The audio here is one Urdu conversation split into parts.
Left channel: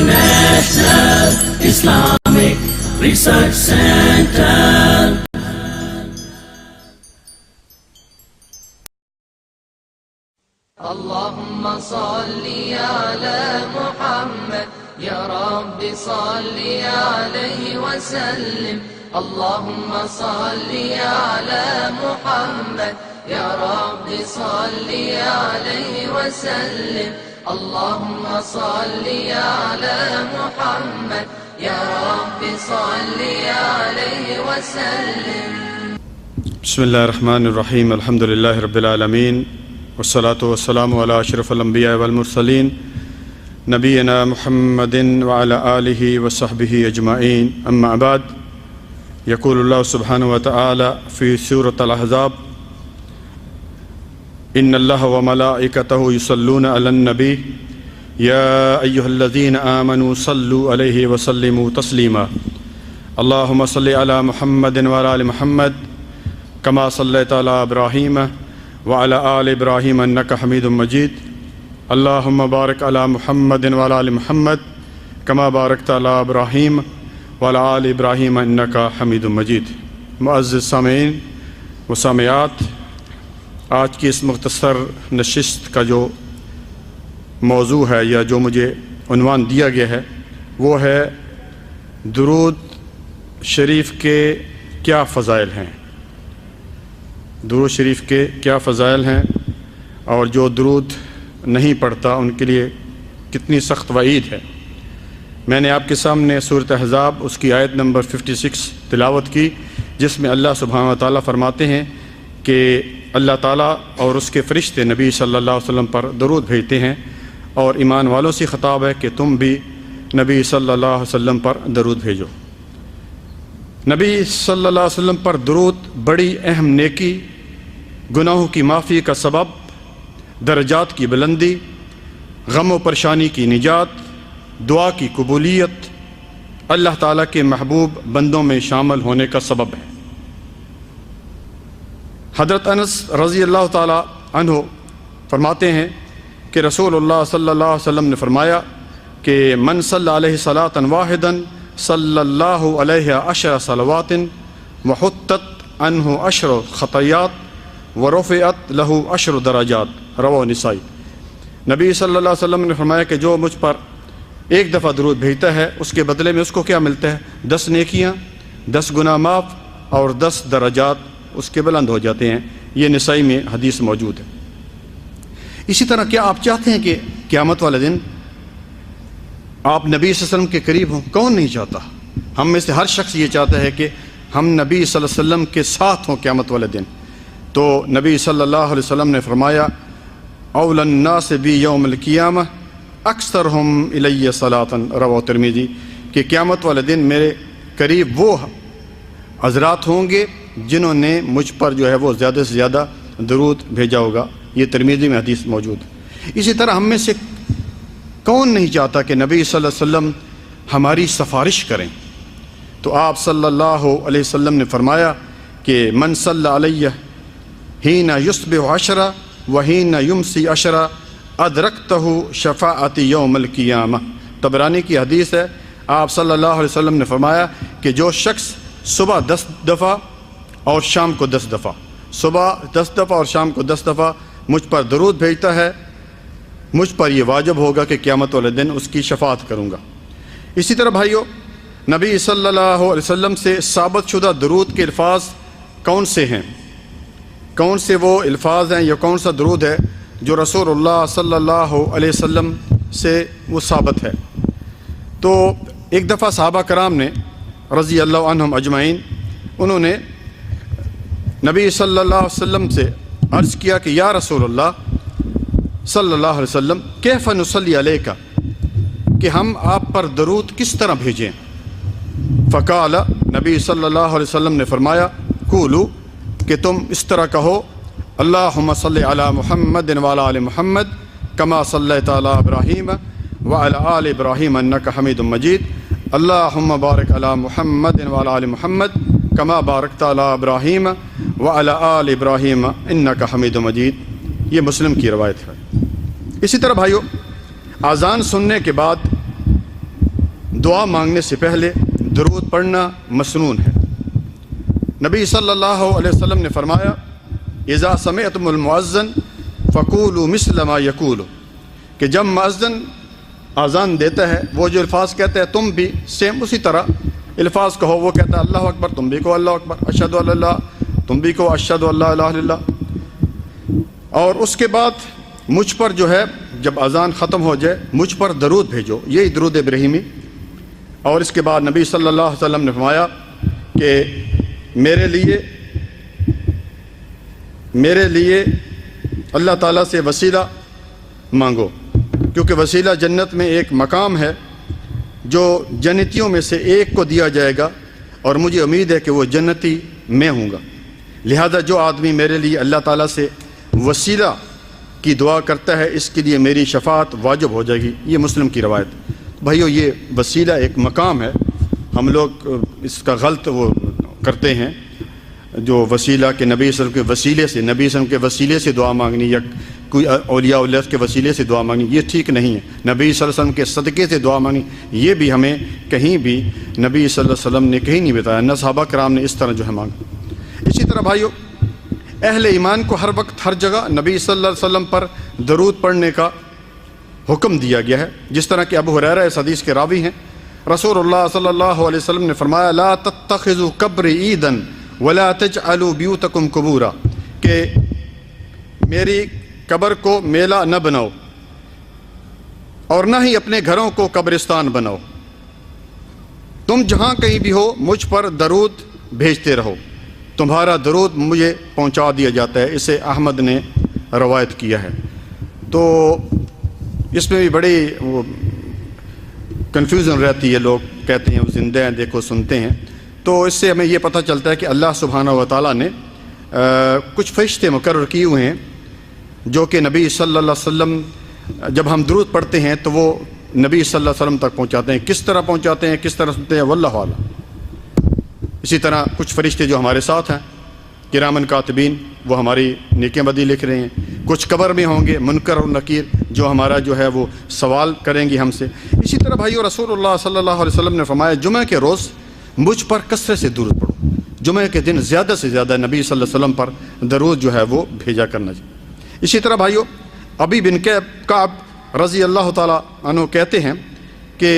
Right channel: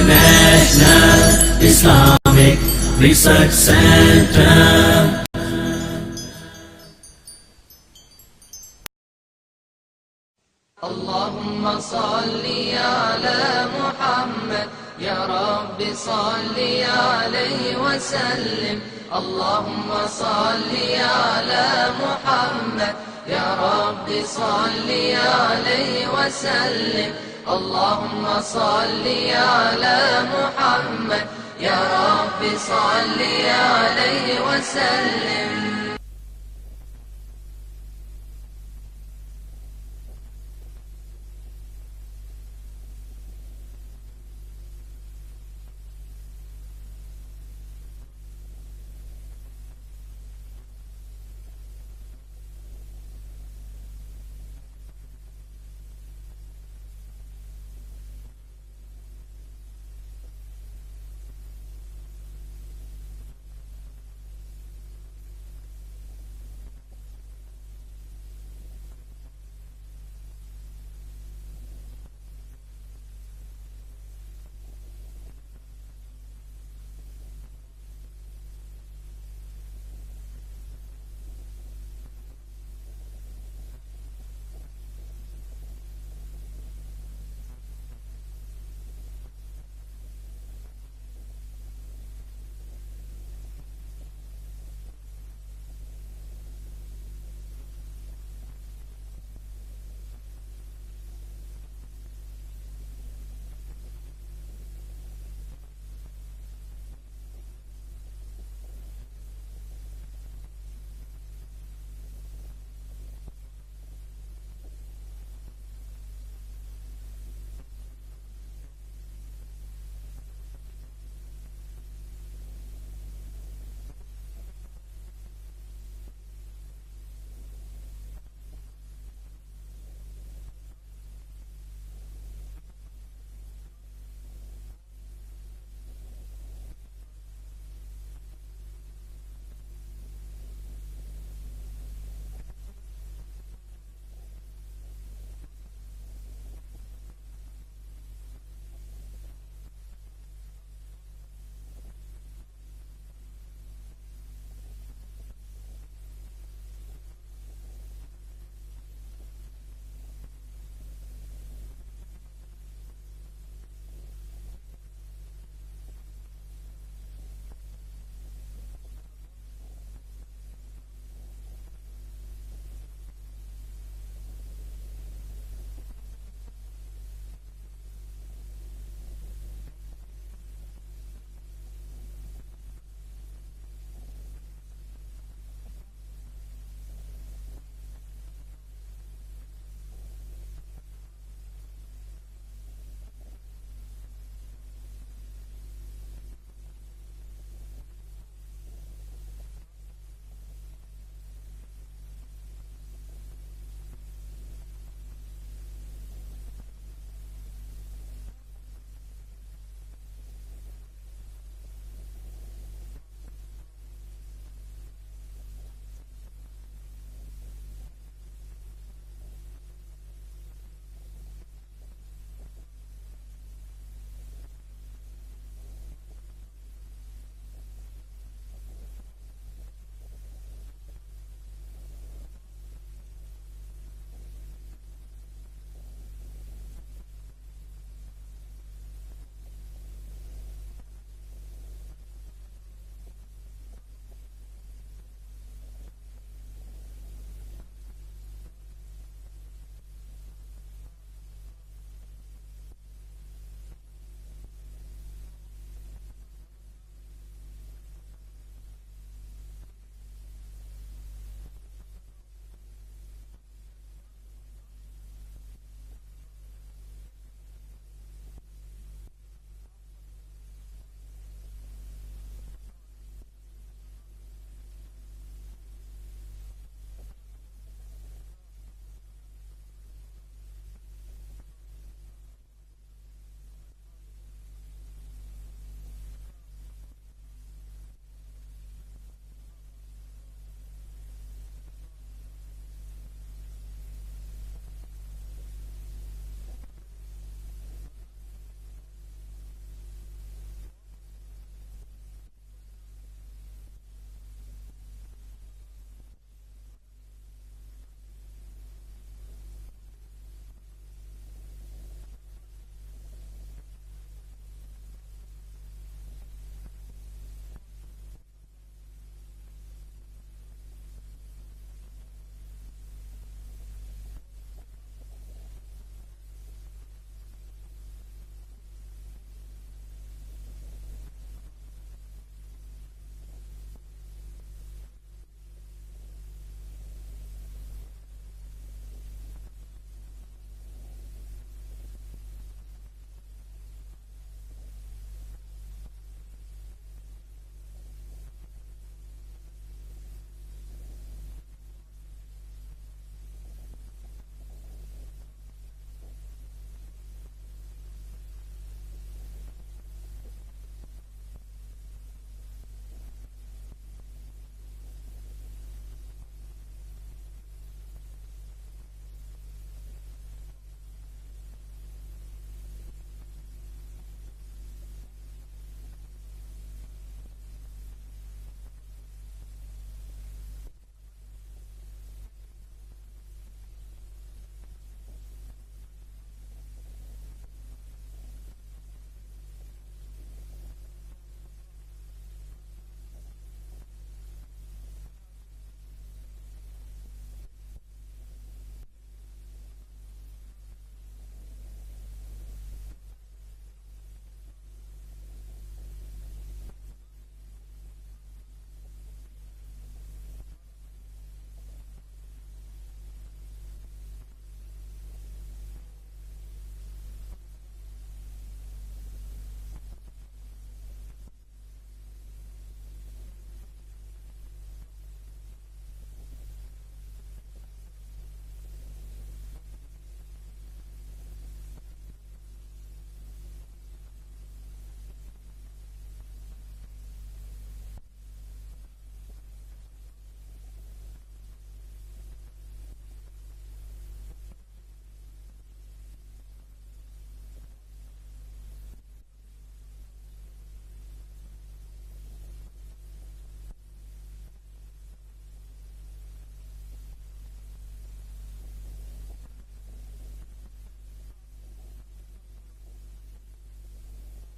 International Islamic Research Center. اللهم صل على محمد يا رب صل عليه وسلم. اللهم صل على محمد يا رب صل عليه وسلم. اللهم صل على محمد يا رب صل عليه وسلم. بسم الله الرحمن الرحيم. الحمد لله رب العالمين والصلاة والسلام على أشرف الأنبياء والمرسلين نبينا محمد وعلى آله وصحبه أجمعين. أما بعد، يقول الله سبحانه وتعالى في سورة الأحزاب: إن الله وملائكته يصلون على النبي يا أيها الذين آمنوا صلوا عليه وسلموا تسليما. اللهم صل على محمد وعلى آل محمد كما صليت على إبراهيم وعلى آل إبراهيم إنك حميد مجيد. اللهم بارك على محمد وعلى آل محمد كما باركت على إبراهيم وعلى آل إبراهيم إنك حميد مجيد. معزز سامعین و سامعات، آج کی اس مختصر نشست کا جو موضوع ہے یا جو مجھے عنوان دیا گیا ہے وہ ہے درود شریف کے کیا فضائل ہیں. درود شریف کے کیا فضائل ہیں اور جو درود نہیں پڑھتا ان کے لیے کتنی سخت وعید ہے. میں نے آپ کے سامنے سورۃ احزاب اس کی آیت نمبر 56 تلاوت کی، جس میں اللہ سبحانہ وتعالیٰ فرماتے ہیں کہ اللہ تعالیٰ اور اس کے فرشتے نبی صلی اللہ علیہ وسلم پر درود بھیجتے ہیں، اور ایمان والوں سے خطاب ہے کہ تم بھی نبی صلی اللہ علیہ وسلم پر درود بھیجو. نبی صلی اللہ علیہ وسلم پر درود بڑی اہم نیکی، گناہوں کی معافی کا سبب، درجات کی بلندی، غم و پریشانی کی نجات، دعا کی قبولیت، اللہ تعالیٰ کے محبوب بندوں میں شامل ہونے کا سبب ہے. حضرت انس رضی اللہ تعالیٰ عنہ فرماتے ہیں کہ رسول اللہ صلی اللہ علیہ وسلم نے فرمایا کہ من صلی علیہ صلاۃ واحدا صلی اللہ علیہ 10 صلوات وحطت عنہ 10 خطیات ورفعت لہ 10 درجات. رواه نسائی. نبی صلی اللہ علیہ وسلم نے فرمایا کہ جو مجھ پر ایک دفعہ درود بھیجتا ہے اس کے بدلے میں اس کو کیا ملتا ہے؟ 10 نیکیاں، 10 گناہ معاف اور 10 درجات اس کے بلند ہو جاتے ہیں. یہ نسائی میں حدیث موجود ہے. اسی طرح کیا آپ چاہتے ہیں کہ قیامت والے دن آپ نبی صلی اللہ علیہ وسلم کے قریب ہوں؟ کون نہیں چاہتا؟ ہم میں سے ہر شخص یہ چاہتا ہے کہ ہم نبی صلی اللہ علیہ وسلم کے ساتھ ہوں قیامت والے دن. تو نبی صلی اللہ علیہ وسلم نے فرمایا: اول الناس بی یوم القیامہ اکثرہم الی صلاۃ. رواه ترمذی. کہ قیامت والے دن میرے قریب وہ حضرات ہوں گے جنہوں نے مجھ پر جو ہے وہ زیادہ سے زیادہ درود بھیجا ہوگا. یہ ترمذی میں حدیث موجود ہے. اسی طرح ہم میں سے کون نہیں چاہتا کہ نبی صلی اللہ علیہ وسلم ہماری سفارش کریں؟ تو آپ صلی اللہ علیہ وسلم نے فرمایا کہ من صلی علیہ حین یصبح 10 وحین یمسی 10 ادرکتہ شفاعتی یوم القیامہ. طبرانی کی حدیث ہے. آپ صلی اللہ علیہ وسلم نے فرمایا کہ جو شخص صبح 10 دفعہ اور شام کو 10 دفعہ، صبح 10 دفعہ اور شام کو 10 دفعہ مجھ پر درود بھیجتا ہے، مجھ پر یہ واجب ہوگا کہ قیامت والے دن اس کی شفاعت کروں گا. اسی طرح بھائیو، نبی صلی اللہ علیہ وسلم سے ثابت شدہ درود کے الفاظ کون سے ہیں؟ کون سے وہ الفاظ ہیں یا کون سا درود ہے جو رسول اللہ صلی اللہ علیہ وسلم سے وہ ثابت ہے؟ تو ایک دفعہ صحابہ کرام نے رضی اللہ عنہم اجمعین، انہوں نے نبی صلی اللہ علیہ وسلم سے عرض کیا کہ یا رسول اللہ صلی اللہ علیہ وسلم کیف نصلی علیک، کہ ہم آپ پر درود کس طرح بھیجیں؟ فقال، نبی صلی اللہ علیہ وسلم نے فرمایا قولو، کہ تم اس طرح کہو اللہم صلی علی محمد وعلی آل محمد کما صلیت علی ابراہیم وعلی آل ابراہیم انک حمید مجید. اللہم بارک علی محمد وعلی آل محمد کما بارکت علی ابراہیم وعلی آل ابراہیم انک حمید مجید. یہ مسلم کی روایت ہے. اسی طرح بھائیو، اذان سننے کے بعد دعا مانگنے سے پہلے درود پڑھنا مسنون ہے۔ نبی صلی اللہ علیہ وسلم نے فرمایا اذا سمعتم المؤذن فقولوا مثل ما یقول، کہ جب مؤذن اذان دیتا ہے وہ جو الفاظ کہتا ہے تم بھی سیم اسی طرح الفاظ کہو۔ وہ کہتا ہے اللہ اکبر، تم بھی کہو اللہ اکبر، اشہد ان لا الہ الا اللہ، تم بھی کہو اشہد ان لا الہ الا اللہ۔ اور اس کے بعد مجھ پر جو ہے جب اذان ختم ہو جائے مجھ پر درود بھیجو، یہی درود ابراہیمی۔ اور اس کے بعد نبی صلی اللہ علیہ وسلم نے فرمایا کہ میرے لیے اللہ تعالیٰ سے وسیلہ مانگو، کیونکہ وسیلہ جنت میں ایک مقام ہے جو جنتیوں میں سے ایک کو دیا جائے گا، اور مجھے امید ہے کہ وہ جنتی میں ہوں گا۔ لہذا جو آدمی میرے لیے اللہ تعالیٰ سے وسیلہ کی دعا کرتا ہے اس کے لیے میری شفاعت واجب ہو جائے گی۔ یہ مسلم کی روایت۔ بھائیو، یہ وسیلہ ایک مقام ہے، ہم لوگ اس کا غلط وہ کرتے ہیں، جو وسیلہ کہ نبی صلی اللہ علیہ وسلم کے وسیلے سے، نبی صلی اللہ علیہ وسلم کے وسیلے سے دعا مانگنی یا کوئی اولیاء اللہ کے وسیلے سے دعا مانگنی، یہ ٹھیک نہیں ہے۔ نبی صلی اللہ علیہ وسلم کے صدقے سے دعا مانگنی، یہ بھی ہمیں کہیں بھی نبی صلی اللہ علیہ وسلم نے کہیں نہیں بتایا، نہ صحابہ کرام نے اس طرح جو ہے مانگا۔ اسی طرح بھائیو، اہل ایمان کو ہر وقت ہر جگہ نبی صلی اللہ علیہ وسلم پر درود پڑھنے کا حکم دیا گیا ہے، جس طرح کہ ابو ہریرہ اس حدیث کے راوی ہیں۔ رسول اللہ صلی اللہ علیہ وسلم نے فرمایا لا تتخذوا قبری عیدا ولا تجعلوا بیوتکم قبورا، کہ میری قبر کو میلہ نہ بناؤ اور نہ ہی اپنے گھروں کو قبرستان بناؤ، تم جہاں کہیں بھی ہو مجھ پر درود بھیجتے رہو، تمہارا درود مجھے پہنچا دیا جاتا ہے۔ اسے احمد نے روایت کیا ہے۔ تو اس میں بھی بڑی وہ کنفیوژن رہتی ہے، لوگ کہتے ہیں وہ زندہ ہیں، دیکھو سنتے ہیں۔ تو اس سے ہمیں یہ پتہ چلتا ہے کہ اللہ سبحانہ و تعالیٰ نے کچھ فرشتے مقرر کیے ہوئے ہیں جو کہ نبی صلی اللہ علیہ وسلم جب ہم درود پڑھتے ہیں تو وہ نبی صلی اللہ علیہ وسلم تک پہنچاتے ہیں۔ کس طرح پہنچاتے ہیں، کس طرح سنتے ہیں، واللہ اعلم۔ اسی طرح کچھ فرشتے جو ہمارے ساتھ ہیں کرامن کاتبین، وہ ہماری نیکیاں بدی لکھ رہے ہیں۔ کچھ قبر میں ہوں گے منکر اور نکیر، جو ہمارا جو ہے وہ سوال کریں گے ہم سے۔ اسی طرح بھائیو، رسول اللہ صلی اللہ علیہ وسلم نے فرمایا جمعہ کے روز مجھ پر کثرت سے درود پڑھو، جمعہ کے دن زیادہ سے زیادہ نبی صلی اللہ علیہ وسلم پر درود جو ہے وہ بھیجا کرنا چاہیے۔ اسی طرح بھائیو، ابی بن کعب رضی اللہ تعالیٰ عنہ کہتے ہیں کہ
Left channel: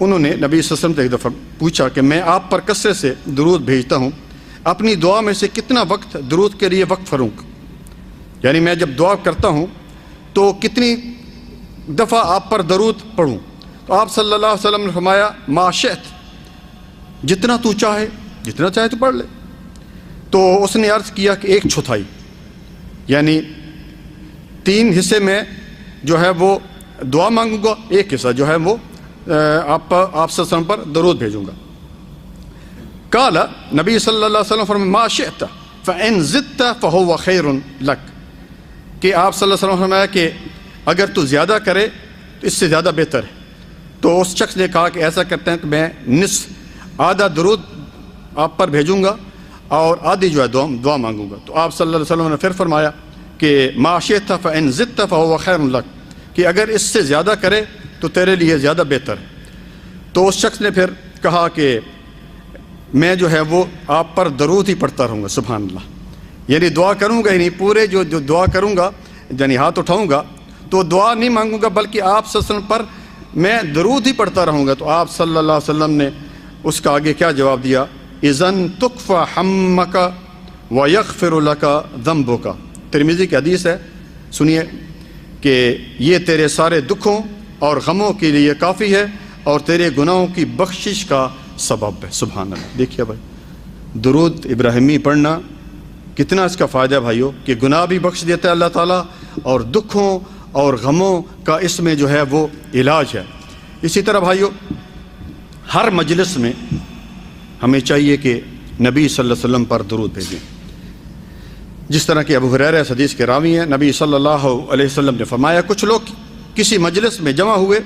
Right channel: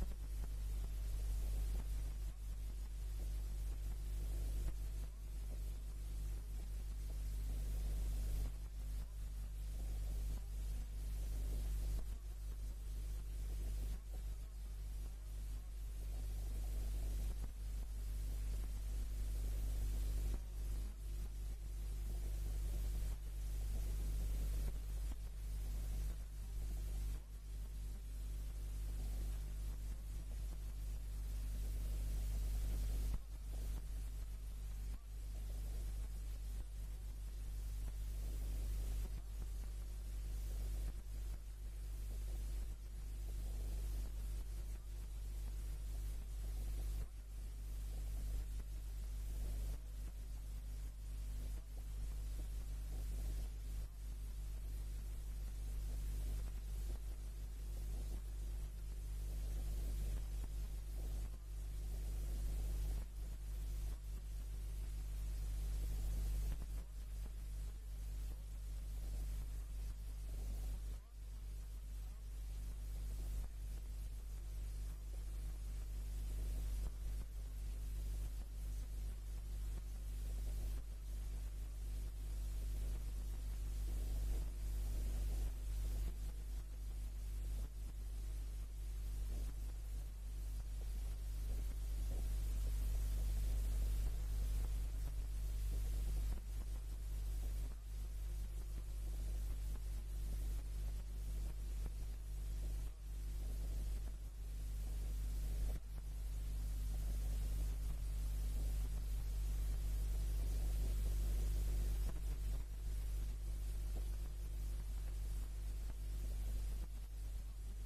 انہوں نے نبی صلی اللہ علیہ وسلم سے ایک دفعہ پوچھا کہ میں آپ پر کثرت سے درود بھیجتا ہوں، اپنی دعا میں سے کتنا وقت درود کے لیے وقف کروں، یعنی میں جب دعا کرتا ہوں تو کتنی دفعہ آپ پر درود پڑھوں؟ تو آپ صلی اللہ علیہ وسلم نے فرمایا ما شئت، جتنا تو چاہے، جتنا چاہے تو پڑھ لے۔ تو اس نے عرض کیا کہ 1/4، یعنی 3 حصے میں جو ہے وہ دعا مانگوں گا، 1 حصہ جو ہے وہ آپ صلی اللہ علیہ وسلم پر درود بھیجوں گا۔ قال، نبی صلی اللہ علیہ وسلم فرمایا ما شئت فإن زدت فهو خیر لک، کہ آپ صلی اللہ علیہ وسلم فرمایا کہ اگر تو زیادہ کرے تو اس سے زیادہ بہتر ہے۔ تو اس شخص نے کہا کہ ایسا کرتے ہیں کہ میں نصف، آدھا درود آپ پر بھیجوں گا اور آدھی جو ہے دعا مانگوں گا۔ تو آپ صلی اللہ علیہ وسلم نے پھر فرمایا کہ ما شئت فإن زدت فهو خیر لک، کہ اگر اس سے زیادہ کرے تو تیرے لیے زیادہ بہتر ہے۔ تو اس شخص نے پھر کہا کہ میں جو ہے وہ آپ پر درود ہی پڑھتا رہوں گا۔ سبحان اللہ، یعنی دعا کروں گا ہی نہیں، پورے جو دعا کروں گا یعنی ہاتھ اٹھاؤں گا تو دعا نہیں مانگوں گا بلکہ آپ صلی اللہ علیہ وسلم پر میں درود ہی پڑھتا رہوں گا۔ تو آپ صلی اللہ علیہ وسلم نے اس کا آگے کیا جواب دیا؟ اذن تکفی ہمک ویغفر لک ذنبک، ترمذی کی حدیث ہے، سنیے کہ یہ تیرے سارے دکھوں اور غموں کے لیے کافی ہے اور تیرے گناہوں کی بخشش کا سبب ہے۔ سبحان اللہ۔ دیکھیے بھائی، درود ابراہیمی پڑھنا کتنا اس کا فائدہ ہے بھائیو، کہ گناہ بھی بخش دیتا ہے اللہ تعالیٰ اور دکھوں اور غموں کا اس میں جو ہے وہ علاج ہے۔ اسی طرح بھائیو، ہر مجلس میں ہمیں چاہیے کہ نبی صلی اللہ علیہ وسلم پر درود بھیجیں، جس طرح کہ ابو ہریرہ اس حدیث کے راوی ہیں۔ نبی صلی اللہ علیہ وسلم نے فرمایا کچھ لوگ کسی مجلس میں جمع ہوئے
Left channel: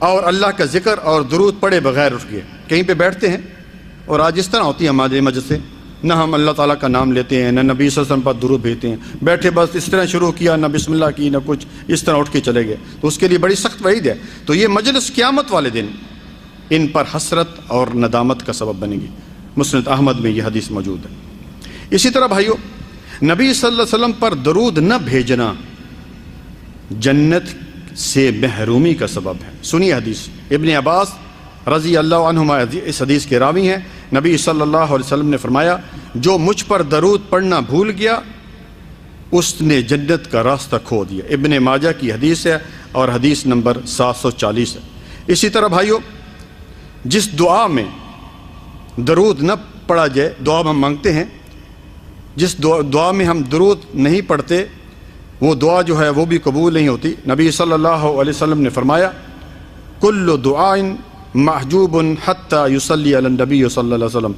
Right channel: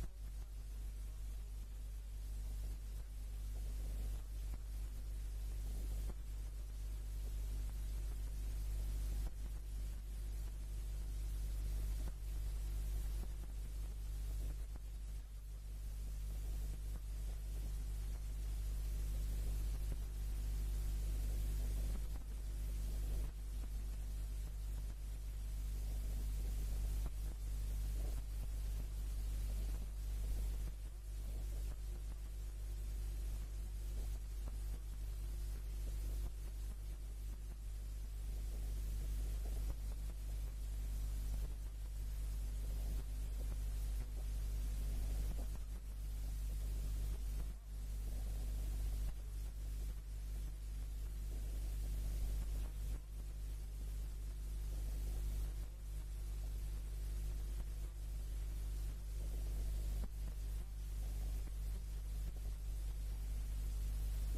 اور اللہ کا ذکر اور درود پڑھے بغیر اٹھ گئے، کہیں پہ بیٹھتے ہیں، اور آج اس طرح ہوتی ہے ہمارے مجلس سے نہ ہم اللہ تعالیٰ کا نام لیتے ہیں، نہ نبی صلی اللہ علیہ وسلم پر درود بھیجتے ہیں، بیٹھے بس اس طرح شروع کیا، نہ بسم اللہ کی نہ کچھ، اس طرح اٹھ کے چلے گئے، تو اس کے لیے بڑی سخت وعید ہے۔ تو یہ مجلس قیامت والے دن ان پر حسرت اور ندامت کا سبب بنے گی۔ مسند احمد میں یہ حدیث موجود ہے۔ اسی طرح بھائیو، نبی صلی اللہ علیہ وسلم پر درود نہ بھیجنا جنت سے محرومی کا سبب ہے۔ سنیے حدیث، ابن عباس رضی اللہ عنہما اس حدیث کے راوی ہیں۔ نبی صلی اللہ علیہ وسلم نے فرمایا، جو مجھ پر درود پڑھنا بھول گیا اس نے جنت کا راستہ کھو دیا۔ ابن ماجہ کی حدیث ہے اور حدیث نمبر 740 ہے۔ اسی طرح بھائیو، جس دعا میں درود نہ پڑھا جائے، دعا ہم مانگتے ہیں، جس دعا میں ہم درود نہیں پڑھتے وہ دعا جو ہے وہ بھی قبول نہیں ہوتی۔ نبی صلی اللہ علیہ وسلم نے فرمایا، کل دعاء محجوب حتی یصلی علی النبی صلی اللہ علیہ وسلم،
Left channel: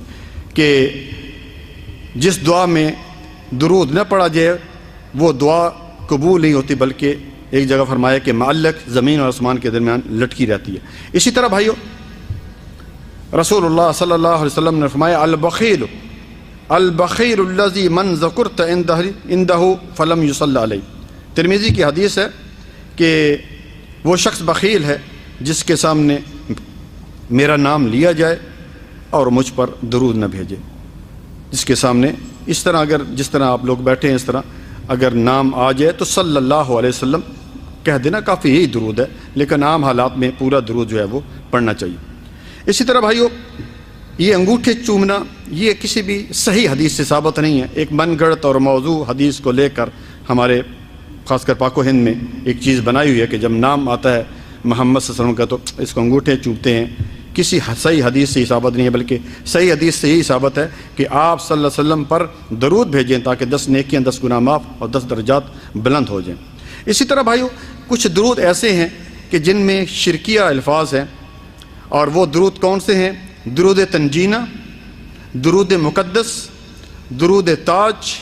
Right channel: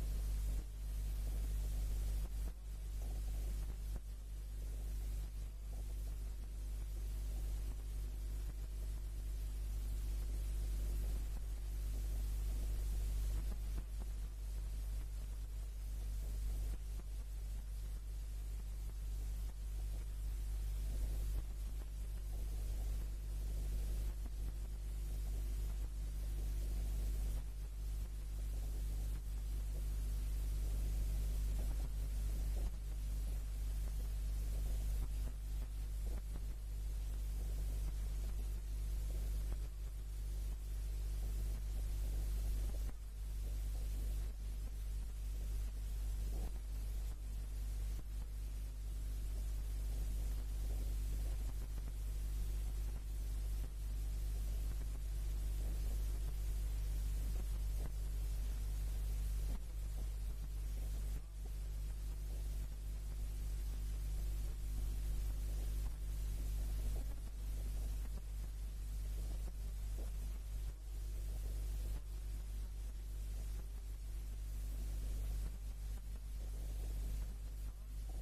کہ جس دعا میں درود نہ پڑھا جائے وہ دعا قبول نہیں ہوتی، بلکہ ایک جگہ فرمایا کہ معلق زمین اور آسمان کے درمیان لٹکی رہتی ہے۔ اسی طرح بھائیو، رسول اللہ صلی اللہ علیہ وسلم نے فرمایا، البخیل البخیل الذی من ذکرت عندہ فلم یصلی علیہ۔ ترمذی کی حدیث ہے کہ وہ شخص بخیل ہے جس کے سامنے میرا نام لیا جائے اور مجھ پر درود نہ بھیجے۔ جس کے سامنے اس طرح، اگر جس طرح آپ لوگ بیٹھے ہیں اس طرح اگر نام آ جائے تو صلی اللہ علیہ وسلم کہہ دینا، کافی یہی درود ہے، لیکن عام حالات میں پورا درود جو ہے وہ پڑھنا چاہیے۔ اسی طرح بھائیو، یہ انگوٹھے چومنا یہ کسی بھی صحیح حدیث سے ثابت نہیں ہے۔ ایک من گڑت اور موضوع حدیث کو لے کر ہمارے خاص کر پاک و ہند میں ایک چیز بنائی ہوئی ہے کہ جب نام آتا ہے محمد صلی اللہ علیہ وسلم کا تو اس کو انگوٹھے چومتے ہیں۔ کسی صحیح حدیث سے ہی ثابت نہیں ہے، بلکہ صحیح حدیث سے یہی ثابت ہے کہ آپ صلی اللہ علیہ وسلم پر درود بھیجیں تاکہ 10 نیکیاں، 10 گناہ معاف اور 10 درجات بلند ہو جائیں۔ اسی طرح بھائیو، کچھ درود ایسے ہیں کہ جن میں شرکیہ الفاظ ہیں، اور وہ درود کون سے ہیں؟ درود تنجینہ، درود مقدس، درود تاج،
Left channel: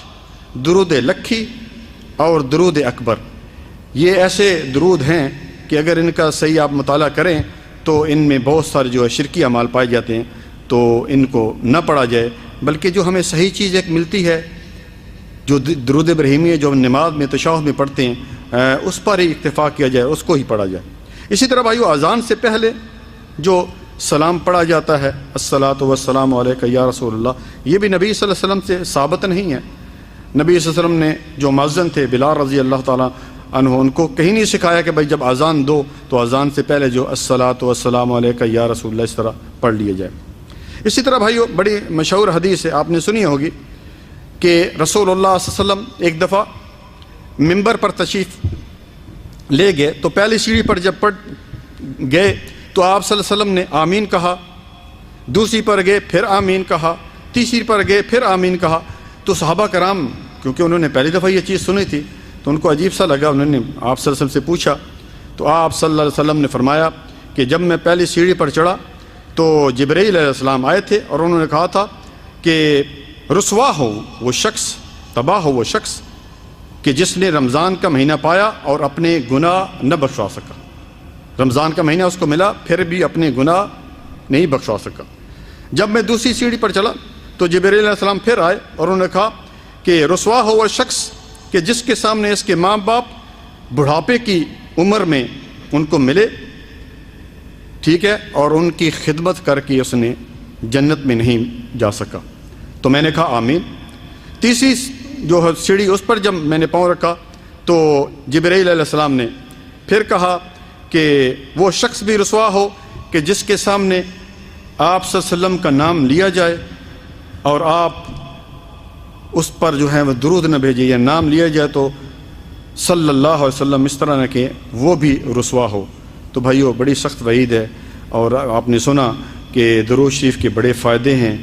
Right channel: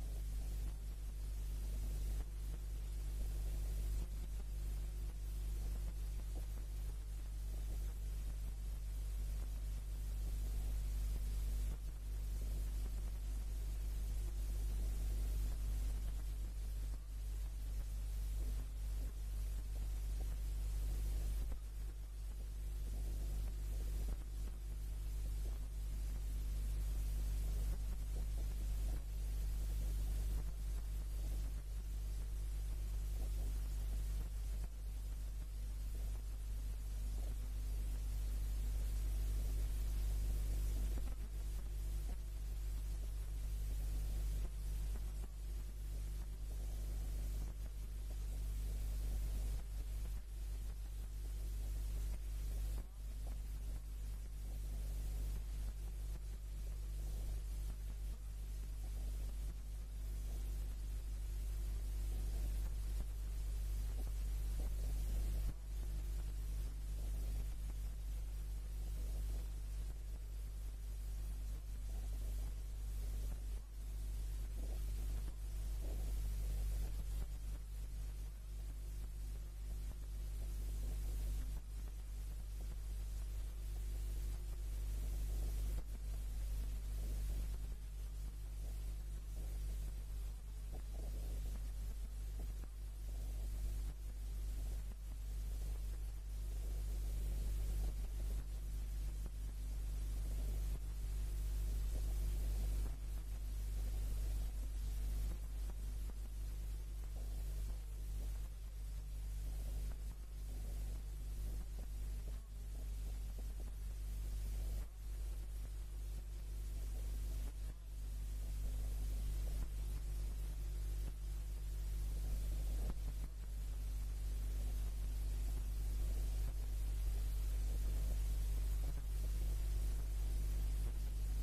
درود لکھی اور درود اکبر۔ یہ ایسے درود ہیں کہ اگر ان کا صحیح آپ مطالعہ کریں تو ان میں بہت سارے جو ہے شرکی اعمال پائے جاتے ہیں، تو ان کو نہ پڑھا جائے، بلکہ جو ہمیں صحیح چیز ایک ملتی ہے، جو درود ابراہیمی جو نماز میں تشہد میں پڑھتے ہیں، اس پر ہی اکتفا کیا جائے، اس کو ہی پڑھا جائے۔ اسی طرح بھائیو، اذان سے پہلے جو سلام پڑھا جاتا ہے، الصلاۃ والسلام علیک یا رسول اللہ، یہ بھی نبی صلی اللہ علیہ وسلم سے ثابت نہیں ہے۔ نبی صلی اللہ علیہ وسلم نے جو مؤذن تھے بلال رضی اللہ تعالیٰ عنہ، ان کو کہیں نہیں سکھایا کہ بھائی جب اذان دو تو اذان سے پہلے جو الصلاۃ والسلام علیک یا رسول اللہ اس طرح پڑھ لیا جائے۔ اسی طرح بھائیو، بڑی مشہور حدیث ہے، آپ نے سنی ہوگی کہ رسول اللہ صلی اللہ علیہ وسلم ایک دفعہ ممبر پر تشریف لے گئے، تو پہلی سیڑھی پر جب گئے تو آپ صلی اللہ علیہ وسلم نے آمین کہا، دوسری پر گئے پھر آمین کہا، تیسری پر گئے پھر آمین کہا۔ تو صحابہ کرام، کیونکہ انہوں نے پہلی دفعہ یہ چیز سنی تھی تو ان کو عجیب سا لگا، انہوں نے آپ صلی اللہ علیہ وسلم سے پوچھا، تو آپ صلی اللہ علیہ وسلم نے فرمایا کہ جب میں پہلی سیڑھی پر چڑھا تو جبرائیل علیہ السلام آئے تھے اور انہوں نے کہا تھا کہ رسوا ہو وہ شخص، تباہ ہو وہ شخص کہ جس نے رمضان کا مہینہ پایا اور اپنے گناہ نہ بخشوا سکا۔ رمضان کا مہینہ اس کو ملا، پھر بھی اپنے گناہ نہیں بخشوا سکا۔ جب میں دوسری سیڑھی پر چلا تو جبرائیل علیہ السلام پھر آئے اور انہوں نے کہا کہ رسوا ہو وہ شخص کہ جس کے سامنے اس کے ماں باپ بڑھاپے کی عمر میں ان کو ملے، ٹھیک ہے، اور ان کی خدمت کر کے اس نے جنت میں نہیں جا سکا۔ تو میں نے کہا آمین۔ تیسری جو سیڑھی اس پر جب میں نے پاؤں رکھا تو جبرائیل علیہ السلام نے پھر کہا کہ وہ شخص بھی رسوا ہو کہ جس کے سامنے آپ صلی اللہ علیہ وسلم کا نام لیا جائے اور آپ اس پر جو ہے وہ درود نہ بھیجے یا نام لیا جائے تو صلی اللہ علیہ وسلم اس طرح نہ کہ وہ بھی رسوا ہو۔ تو بھائیو، بڑی سخت وعید ہے، اور آپ نے سنا کہ درود شریف کے بڑے فائدے ہیں،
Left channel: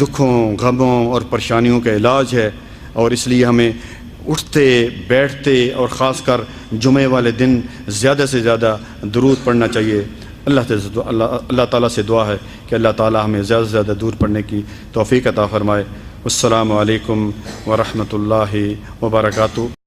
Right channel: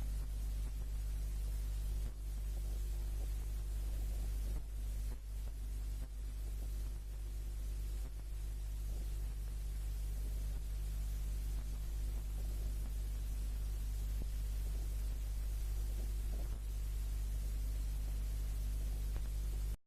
دکھوں، غموں اور پریشانیوں کا علاج ہے، اور اس لیے ہمیں اٹھتے بیٹھتے اور خاص کر جمعے والے دن زیادہ سے زیادہ درود پڑھنا چاہیے۔ اللہ تعالیٰ سے دعا ہے کہ اللہ تعالیٰ ہمیں زیادہ سے زیادہ درود پڑھنے کی توفیق عطا فرمائے۔ السلام علیکم ورحمۃ اللہ وبرکاتہ۔